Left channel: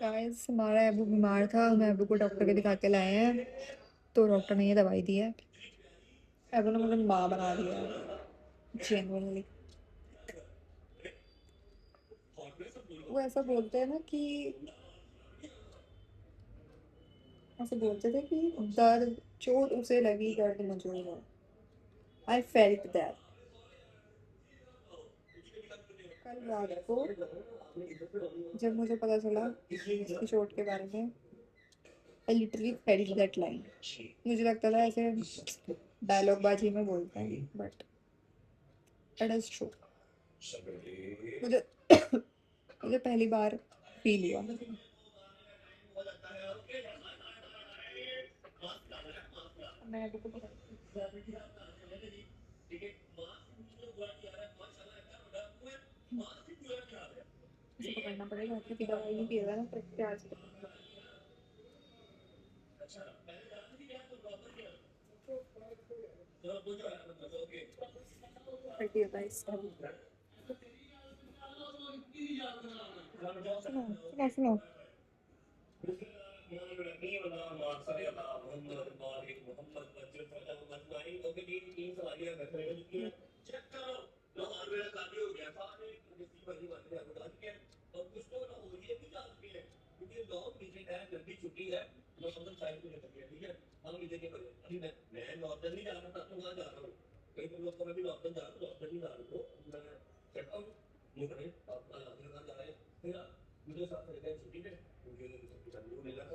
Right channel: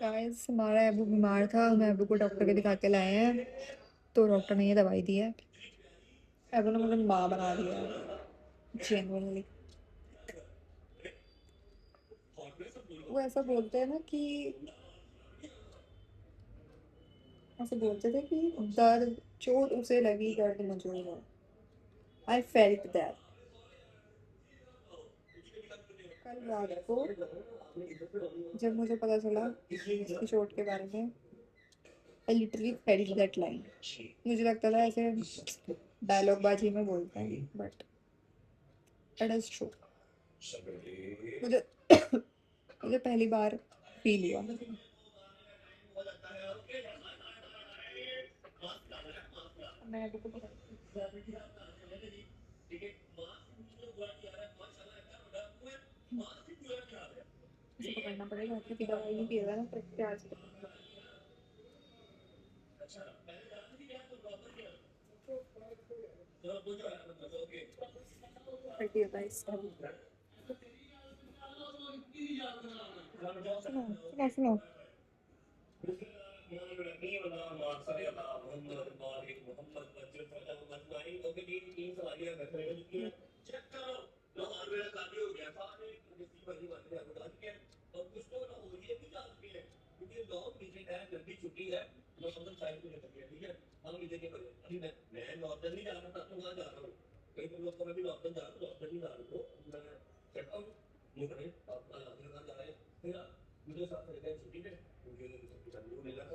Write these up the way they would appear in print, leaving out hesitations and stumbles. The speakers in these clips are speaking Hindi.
गाइस हमारा अबू बीमार था, हमें अबू को डॉक्टर के दिखा के लाए हैं, तो डॉक्टर ने ये दवाई दी है। अबू ने मुझे माँ बना दिया है जेन्युइनली। वो ऐसा बोलते हैं ना कि ऐसे बोलते थे कि दर्द चोट उसे लगी, दर्द मुझे हुआ। I felt that. कल रात को जब मुझे पता चला इसकी चोट के बारे में, I literally felt that line. मुझे लगता था ऐसे डायलॉग बाजी में बोलते हैं, बट इट इज ट्रू। मुझे मुझे पहली बार फील हुआ। मैं अभी को पकड़ना पड़ेगा क्योंकि दवाई नहीं पिएगा ना तो प्याज फटी होता है इसका। सुनो सुनो सुनो।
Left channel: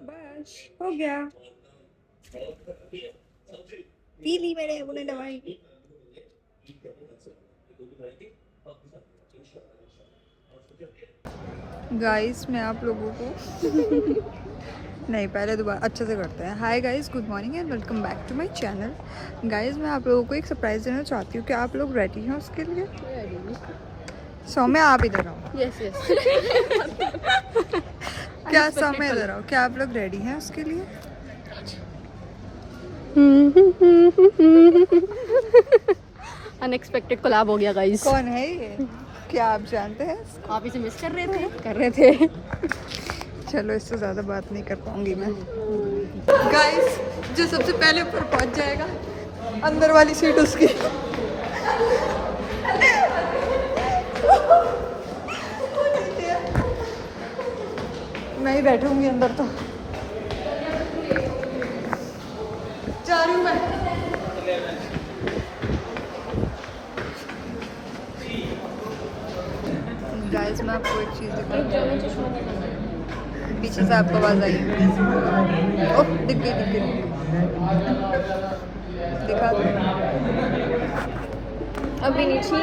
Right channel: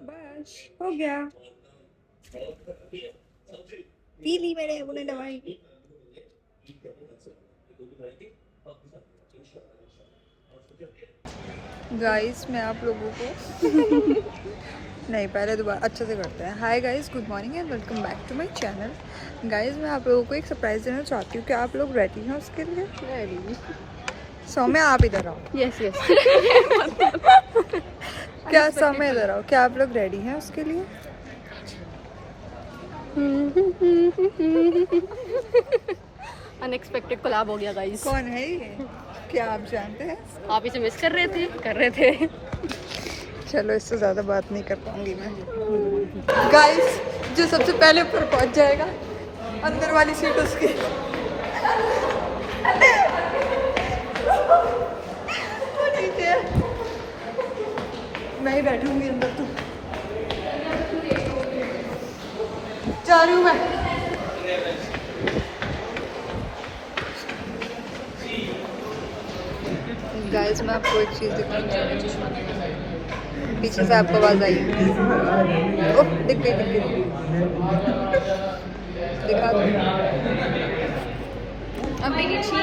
बस हो गया, पी ली मैंने अपने दवाई। गाइस मैं आप लोगों को नहीं, पहले दोबारा अच्छे से करते हैं। Hi guys, good morning and welcome back to my channel. Guys मैं आप लोगों को एक सरप्राइज देना चाहती हूँ कि आप लोग रेडी हैं उसके लिए? सौम्या आप इधर आओ। Yes yes. क्या सौम्या इधर आओ, क्या आप लोग रेडी हैं उसके लिए? अनएक्सपेक्टेड कोलैब हो गया गाइस। कौन है ये, क्या आप जानते हैं? आप इसे मिस कर रहे थे। चलो इससे ज़्यादा बात नहीं कर पाऊंगी मैं। गाइस जो सबसे पहले ऊपर पहुंच जाएगा, अंदर वाली सीट उसकी। मैं ही बैठूंगी अंदर, तो जा रही हूँ मैं। गाइस मैं आपको एक चीज़ दिखाना चाहती हूँ। पीछे से आपको आवाज़ आई। ओह दिख गई। दिखा दो अभी नीचे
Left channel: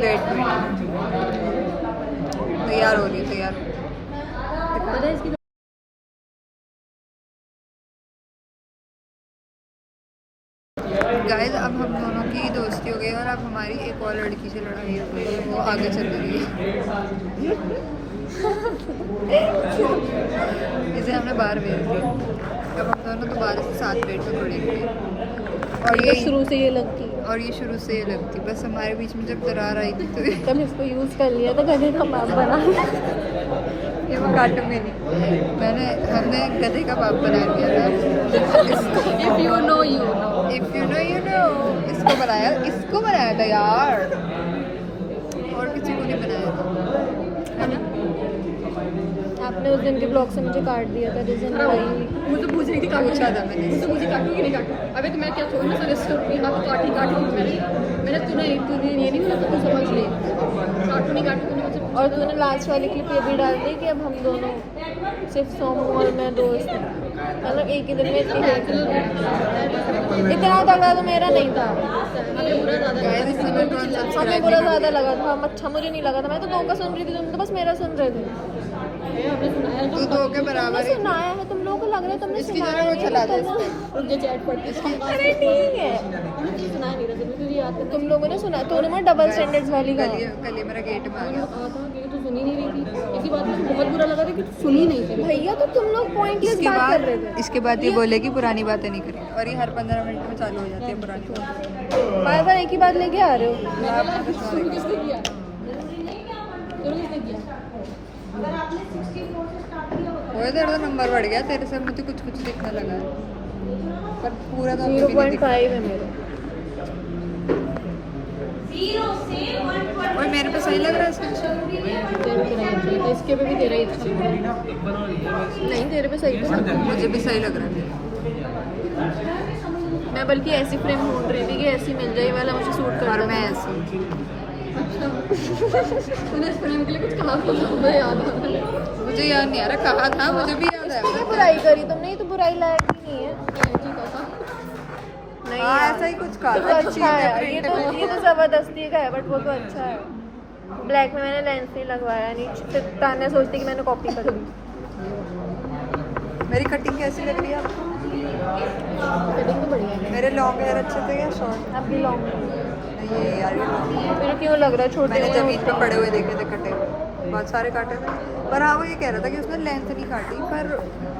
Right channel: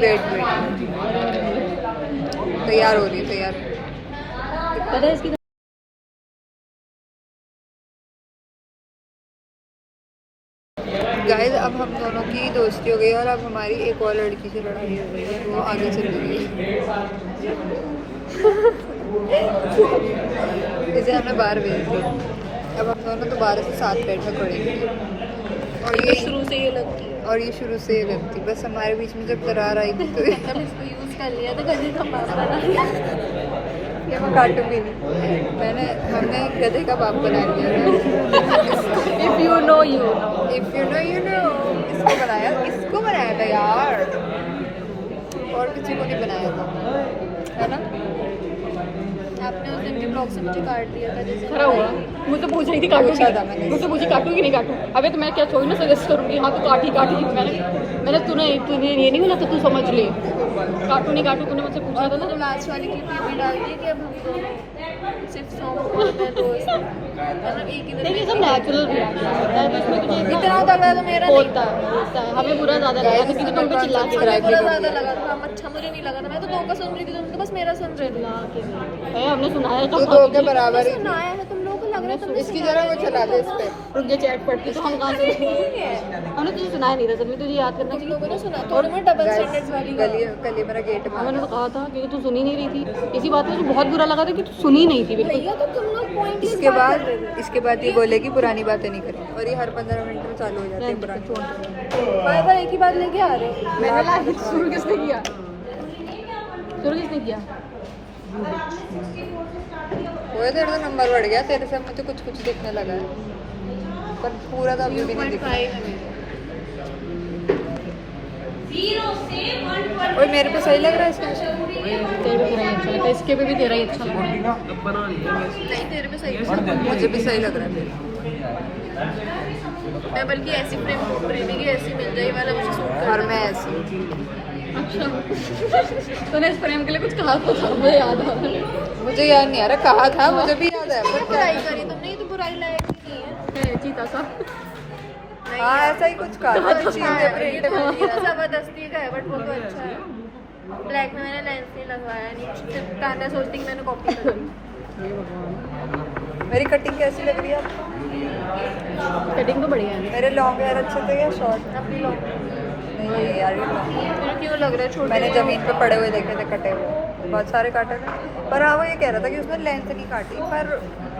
वेट तैयार हो रही है, तैयार पता है इसकी। गाइस अब हम दोनों की दोस्ती हो गई और अब हमारी एक और लड़की से लड़ाई हो गई है, वो आगे चली गई है। इसे हमने बाहर भेज दिया। अब हम दोनों दोबारा से साथ बैठकर पड़ेंगे। और ये शुरू से ये लगती है, और ये शुरू से ये लगती, बस हमारे बीच में जब दरार आई थी तो कल इसको यूज़ कर लिया तो गधे का बाप बना। ये मैं काटूंगी नहीं, हमने गधे का बाप बना लिया था। If you know you know. इसको बनाया था यार, और किसी को नहीं बनाया था, है ना? आपने उस दिन के ब्लॉग से मुझे काट दिया था। जैसे मुझे पूछ रही थी काटू पूछा था मैंने। मुझसे पूछी काटू कि नहीं काटू। अबे तो मैं क्या थोड़ी ना सजेस्ट करूँगी, हाँ तो काटी। मैंने तुझे ये नहीं बोला तो तू समझ ले, काटू नहीं काटू तूने मुझसे पूछा और था। मैंने लास्ट वाली क्लिप ये भी डाल दी कि अब हम दोनों सिर्फ सोम में दोस्त, मतलब एक ही दिन में नेचुरल है तो उसमें तुझे इतना तगड़ा तो मेरा नहीं बोलता है, हमें बुरा ज़्यादा लगा किसी ने भी चिल्ला के। हमें बुरा ज़्यादा लगा था। अच्छा मुझे नहीं लगा था, मैं तो दो का सुन रही थी, तुम तो बस मेरा सुन रहे थे। है हमने सुनाया तो दो के बराबर ही। सुनाया है, तुम लोगों को लग रहा है तुमने इसकी जरा वो चला दे इस पे। मुझे चैट पढ़ती है नहीं है। हमने तुझे सुनाया नहीं था जब तुझे याद करना तुम लोगों ने सुना तो मैं डबल स्टैंडर्ड्स वाली कल ये मेरा गेट में आ मैंने गया। कहा था कि तू सुनी नहीं रही थी इसी बात पे मुझे बहुत बुरा लगा था कि तू सुनी नहीं थी बिल्कुल भैया तो तुम लोग पॉइंटलेस इसके बाद ये बोलेगी पुरानी बातें नहीं करेंगे, और ये हर 15 मिनट में चालू हो जाती है पुरानी बातें। बार बार एक ही बात लेके आ रहे हो। लाभ में तो शुरू किसने किया शुरू किसने किया वो तेरा तो नंबर बढ़ गया, तेरे से मुझे कुछ कुछ दिखने लगा है, पर पूरा तो अभी भी नहीं दिख रहा। 0.5 है मेरे। और मेरे पे सही लग रहा है इसका। इसके पे भी तेरा ही अच्छा लग रहा है नहीं तेरे पे सही है। मुझे भी सही लग रहा है मेरे। मैं बल्कि ऐसी फ्रेम ढूंढ रही थी कि ऐसी मिल जाए वाला मुझे सूट कर। और मैं ऐसी अच्छा तूने इस फ्रेम के लिए कुछ कहा तो था मुझे याद आ रहा मुझे याद नहीं आ रहा, कहा था मुझे भी याद है। ये बुराई करी तुमने, ये तो बुराई लायक नहीं है। है चीता सा हाँ ऐसा ही कुछ कहा था कि चीज़ें ये प्रिंट तो में ये तो जबरदस्ती का है बट वो तो अच्छा है। ब्लैक में मैंने लेंस नहीं लगवाया, नहीं फिर ताना सोचती कि मैंने कॉपी कर ली। मेरी कटिंग कैसी लग रही है आपको? कटिंग तो बढ़िया है मेरे लॉन्ग हेयर अच्छे थे या शॉर्ट? अब भी लॉन्ग नहीं ये यार ये लॉन्ग। फिर क्यों लग रहा है छोटे? मैंने जमीन पे पड़े हुए देखे थे कटे हुए, बहुत सारे काटे थे। पर हाँ वो ये कह रहा था कि उसने लेंथ नहीं काटी, पर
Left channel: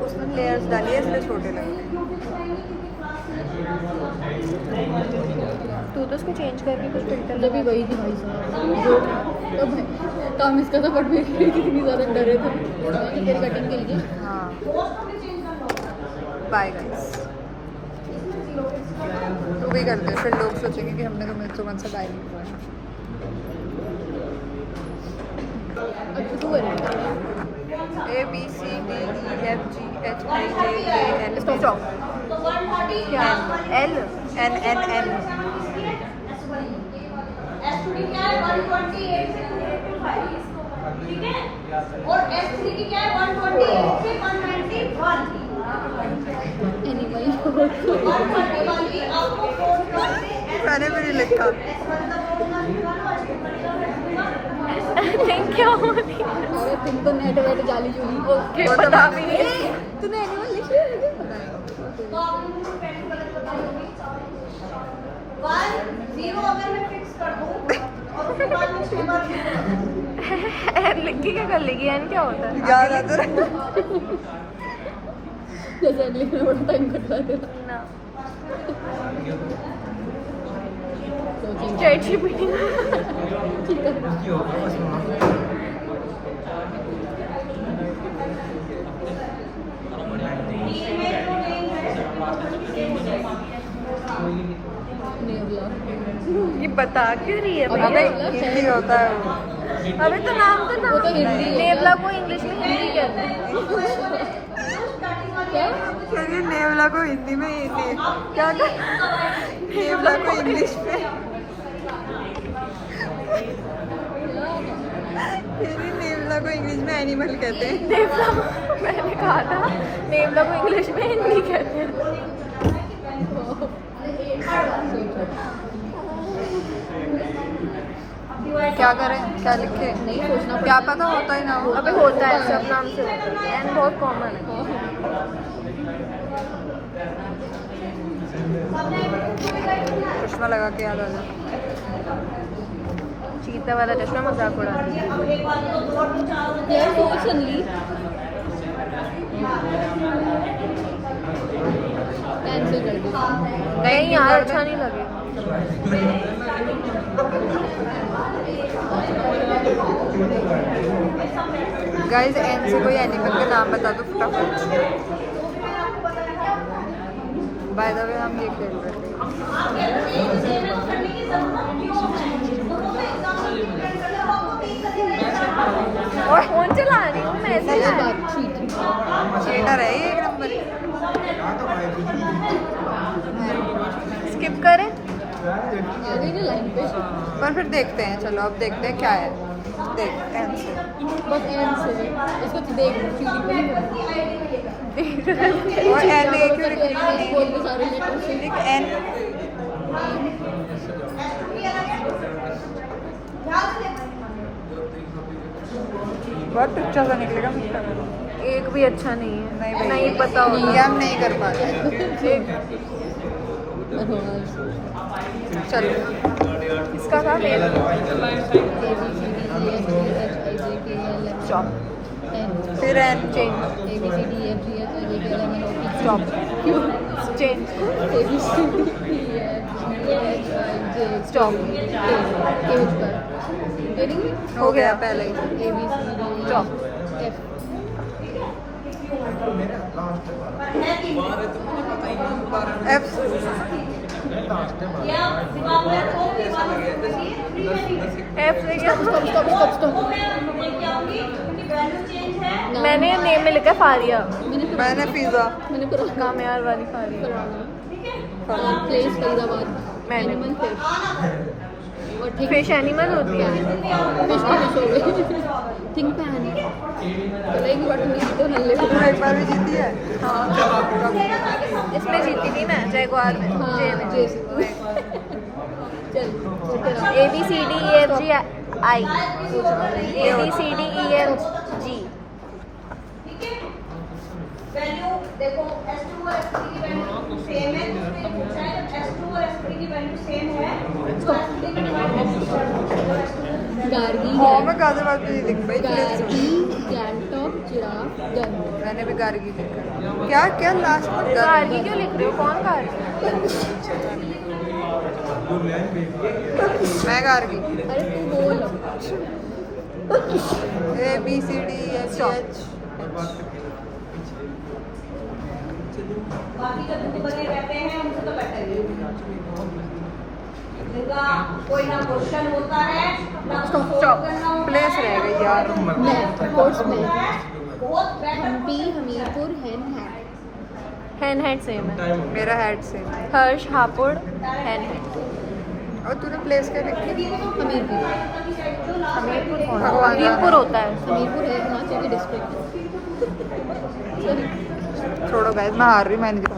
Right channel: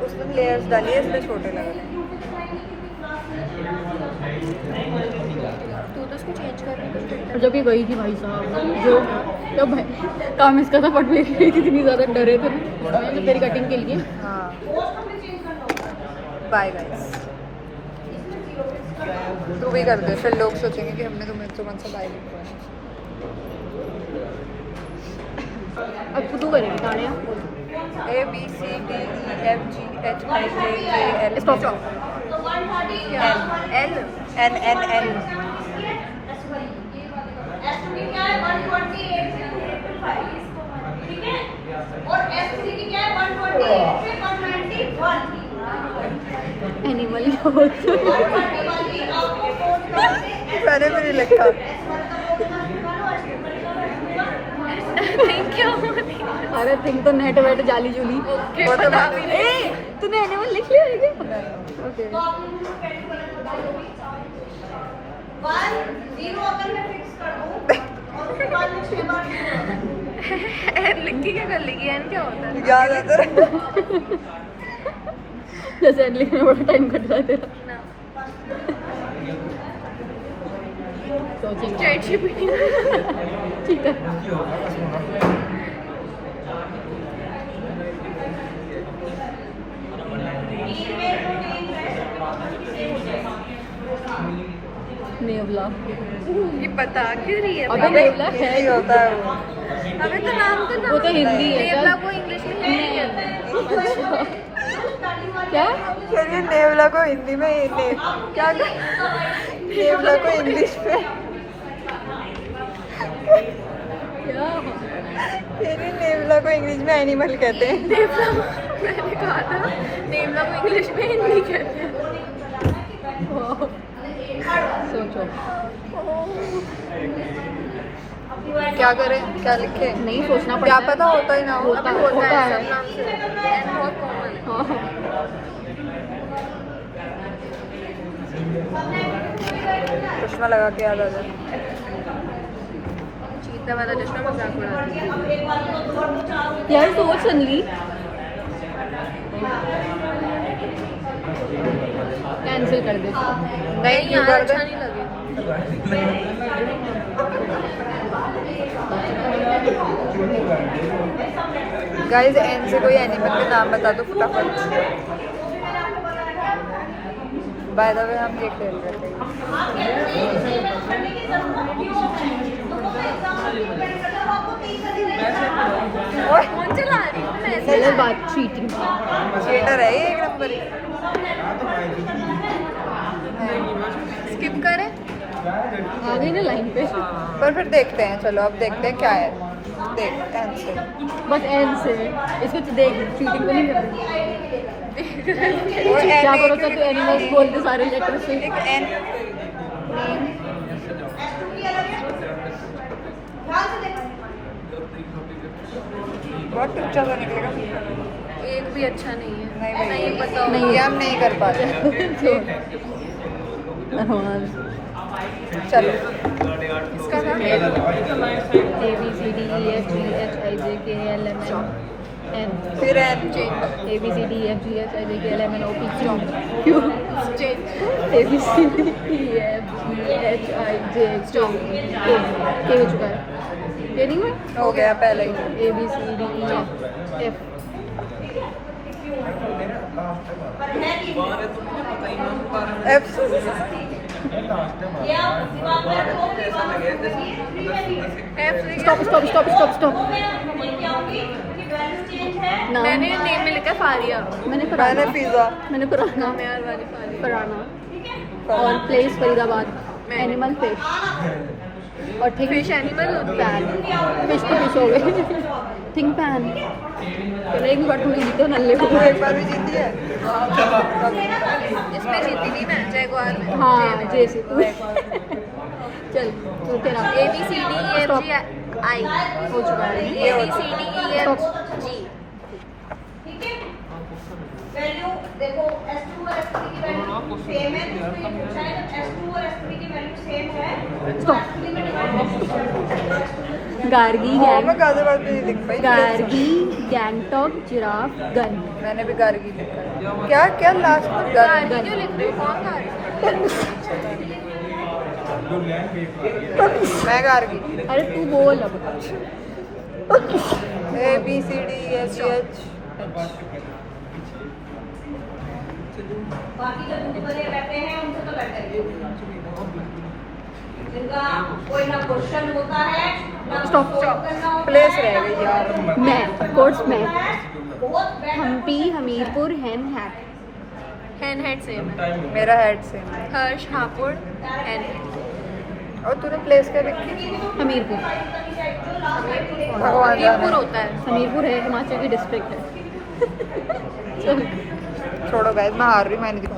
उसने लेयर्स डाली है इसलिए छोटे लग रहे हैं। तू तो उसको चेंज कर रही और है। जब भी गई थी भाई साहब जब काम इसका था पट भी गई कितनी ज़्यादा डरे थे मैंने तेरी कटिंग के लिए हाँ बाय गाइस। तू भी कर दे, फिर लोग सोचेंगे कि हमने तुम्हें तुमन से बाय नहीं किया। अब तू करेगी गाड़ियाँ A B C D E F G H I J K L stop M stop L N N N। Animal मैंने भी नहीं लिखा। Thank you. अरे थिंक तो नेट वेट जाली जुली ओके वो तो बता मैंने- भी नहीं। तूने एनिमल लिख लिया है क्या? नहीं एन लिख के क्या कर लेगी? एन क्या होता है? याद आता रहा। जैसे एड लिखने में बड़ा टाइम कट रहा है तेरा सोचेंगे चैट जीपीटी। ठीक है नेवला ये बता क्यों रही है? अबे हिंदी होता है वो। अबे तो नाम तो वो तो हिंदी है नेवला को इंग्लिश में हिंदी कहते हैं। क्या कह नेवला को हिंदी में क्या कर नेवला को इंग्लिश में क्या कह रही नेवला को इंग्लिश में एनिमल कहते हैं। नेवला मैंने कहा था नेवला को इंग्लिश में हिंदी कहते हैं। सोचो क्या करें, क्या लिखे? नहीं सोचना क्या पड़ता पता होता ही ना हो। अबे होता है सब नाम से होता है। बहुत कॉमन। चश्मा लगा के याद आ जाए। चीता वाला चश्मा मजाक उड़ाती है। यार सोच सनली कैंसिल कर दे नहीं क्यों यार कर दे? अच्छा नहीं लगेगा। गाइस एन से कोई एनिमल का नाम बता दो फटाफट। बाय द वे हम ये खेल रहे थे। ओए फोन चला रही हूँ मैं। सच बात चीटिंग चीटर है ये एक नंबर ही। स्किप करें? आ गई ना लाइन पे पर फिर देखते हैं, चलो अब देखते हैं क्या है। देख एन से बस एन से इसको देख चीटिंग नहीं करती और एन क्या ए बोलो क्यों तो एनिमल्स बोलते सारे लेटर से लिख एन। बहुत अच्छा सा निकलेगा मुझे। एक भी अच्छा नहीं है। नहीं भाई, नहीं पता नहीं, ये हम नहीं कर पाते। चलो इसका था फिर एन हो गया पहले ही। एफ मैंने नेम में लिखा फारिया। मैंने पिज्जा। मैंने पुराना नाम यार वाली फारिया। पुराना और प्लेस फरीदाबाद एनिमल फिश और फिश एनिमल होती है। फिश तो फिश हो गई थिंक पैन चलो एक बार थोड़ी जीते नल्ले को तू एक बार भी जीती है कब? इसमें जीती थी मैं जयगवार। हाँ जैसे चल A B C D E F G I हो चुका है। A B C D E F G। देखो S2 और S3 की वैल्यू सेम है, दूसरी पूछा है S2 और S3 की वैल्यू सेम है। गार्गी हाँ मैं गाजर बात नहीं लिख पाई। गार्गी गैंगटॉक जिराफ गन मैंने भी गार्गी लिखा है। क्या क्या लास्ट में गन? क्यों लिख रहे हो? कौन था? मैं गार्गी। अरे तू बोल A B C D E F G H H। बाकी जो दूसरे रहते हैं उनसे तो बेहतर है। जिनका कोई ना क्वेश्चन होता है ना स्टॉप स्टॉप प्लेस रह गई यार। मैं कोर्स में बहुत बेहतर। हम्पी हमीरपुर हैन हैट हैन हेड सेम है। मेरा हेड सेम है। हर्ष हापुड़ हैन हेड। और तूने प्लेस क्या लिखी? हमीरपुर भगवान जाने। हमीरपुर होता है। हमीरपुर है हिमाचल की डिस्ट्रिक्ट है छोड़ो गाइस, मैं हार रही हूँ, मैं नहीं दिखा